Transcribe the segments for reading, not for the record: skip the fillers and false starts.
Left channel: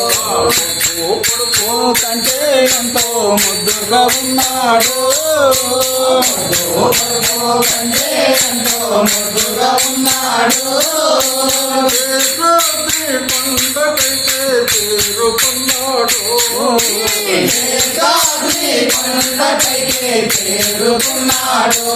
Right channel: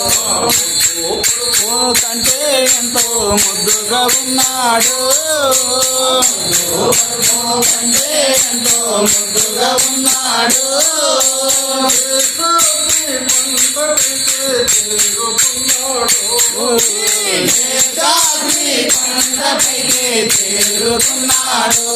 కొడుకు కంటే ఎంతో ముద్దుగా ఉన్నాడు కంటే ఎంతో ముద్దుగా ఉన్నాడు పండకైతే చేరుకున్నాడు పండకైతే చేరుకున్నాడు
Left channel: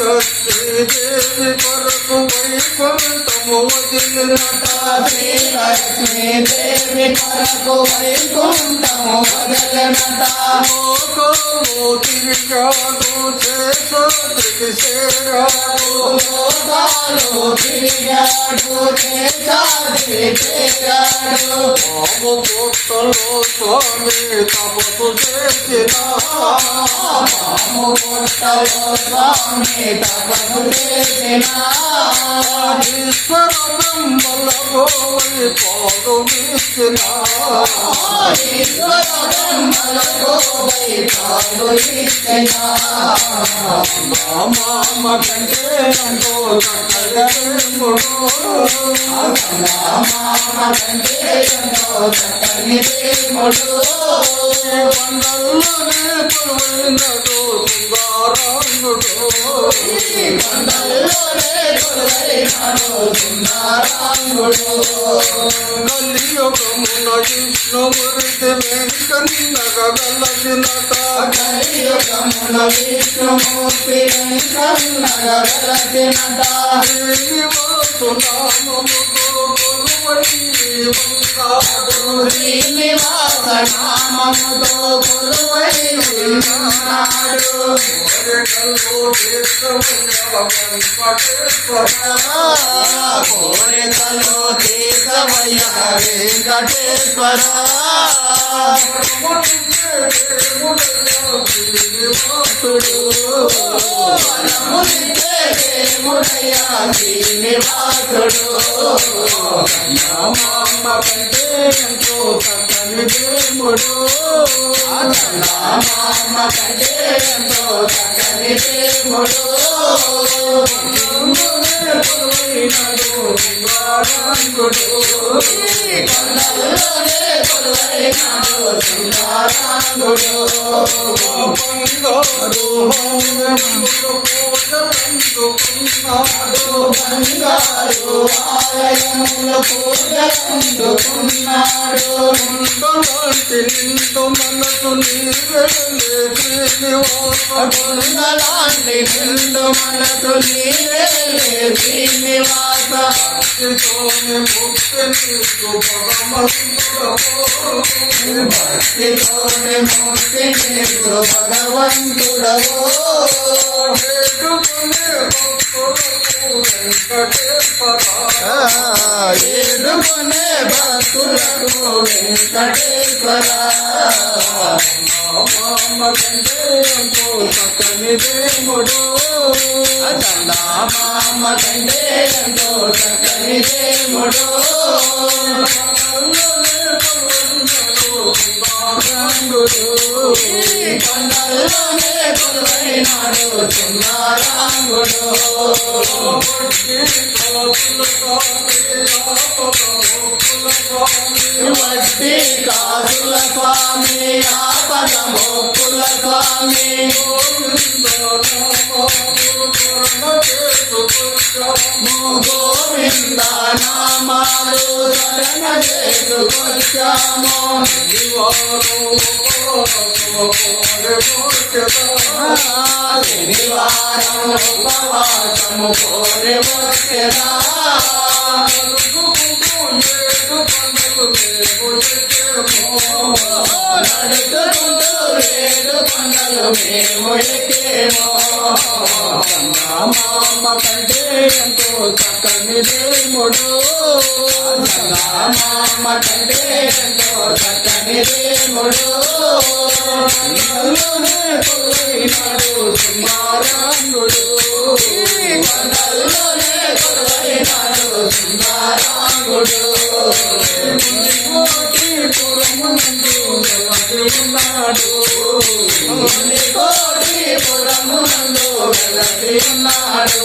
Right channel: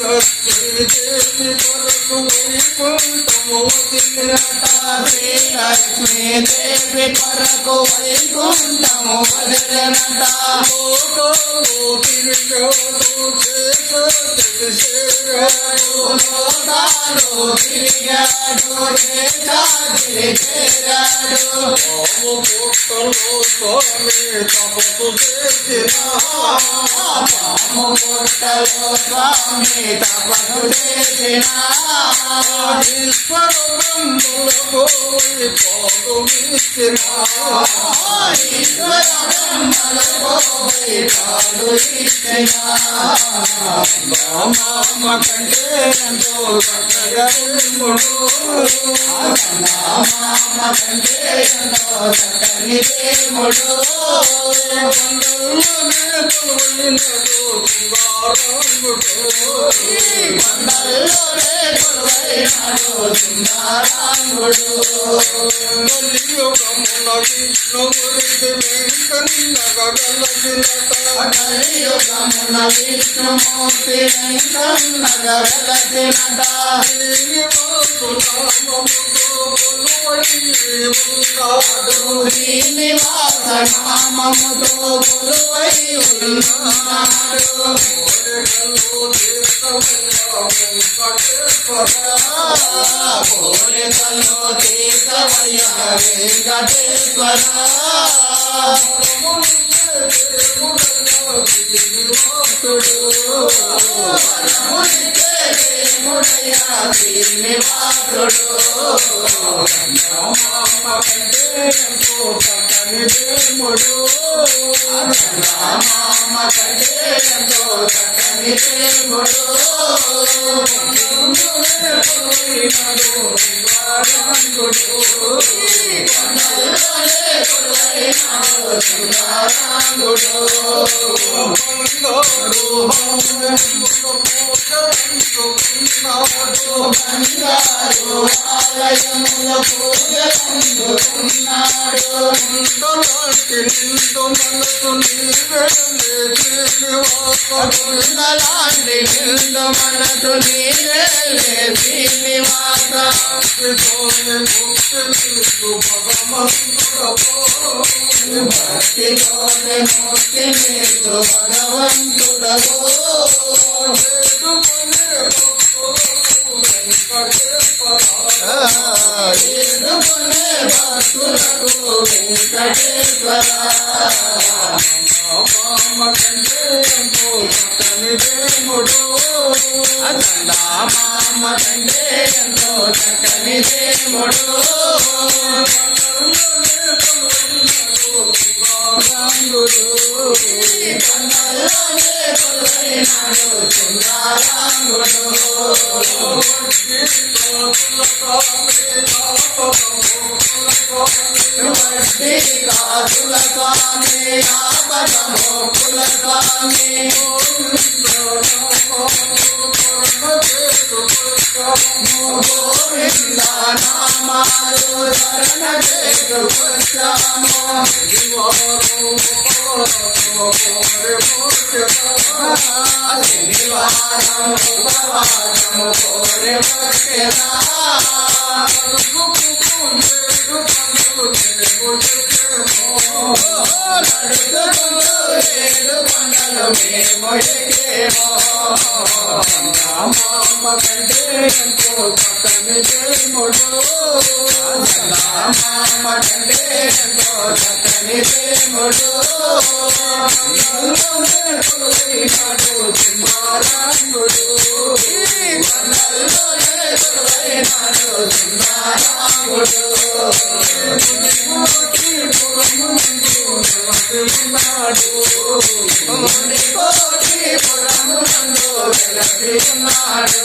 లక్ష్మీదేవి కొరకు వైకుంఠము వదిలినట లక్ష్మీదేవి కొరకు వైకుంఠము వదిలినట లోకాలు తిరిగాడు చేసాద్రికి చేరాడు లోకాలు తిరిగాడు చేసాద్రికి చేరాడు పాము పుట్టలో స్వామి తపస్సు చేసిన పాము పుట్టలో స్వామి తపస్సు చేసిన ఈశ్వర బ్రహ్మలకు పాలు ఇచ్చిన ఈశ్వర బ్రహ్మలకు పాలు ఇచ్చిన మామ కంటే ఎంతో చక్కగముడు మామ కంటే ఎంతో చక్కని దేవుడు కొండల్లోనే కొలువైనడు సింగారాంగుడు కొండల్లోనే కొలువైనడు సింగారాంగుడు కలియుగముల విష్ణుమూర్తి వెంకన్నగలసినట కలియుగముల విష్ణుమూర్తి వెంకన్నగలసినట శ్రీనివాసు నామముతో శ్రీనివాస నామముతో కొలువై ఉన్నాడు కోరికలో తీర్థమయ్య వెంకటేశ్వర శ్రీనివాసుడు మామ కంటే ఎంతో చక్కని దేవుడు మామ కంటే ఎంతో చక్కని దేవుడు కొలువైనాడు సింగారాంగుడు కొలువైనాడు సింగారాంగుడు బంగారు ఆలయములు పూజలందుకున్నాడు నిండు మనసు నీవేలే శ్రీనివాస నిండు మనసు నీవేలే శ్రీనివాస భక్తితోనే ముక్తి నీకు భగవంతుడవో ఎదుర్కొనే భక్తులకు వెంకటేశ్వర మామ కంటే ఎంతో చక్కని దేవుడు మామ కంటే ఎంతో చక్కని దేవుడు కొండల్లోనే కొలువైనాడు సింగారాంగుడు వడ్డీ కాసుల స్వామి ఆపద మోపుల స్వామి గోవింద నామాలు శరణ చేసుకొచ్చాము శనివారం ఉపవాసము కోరి వచ్చేదా నడుచుకుంటూ ఏడు కొండలు మేము ఎక్కేమో మామ కంటే ఎంతో చక్కని దేవుడు మామ కంటే ఎంతో చక్కని దేవుడు కొలువైనాడు సింగారాంగుడు కొండల్లోనే కొలువైనాడు సింగారాంగుడు ఉన్నాడు కోటిపురమునందు వెలసి ఉన్నాడు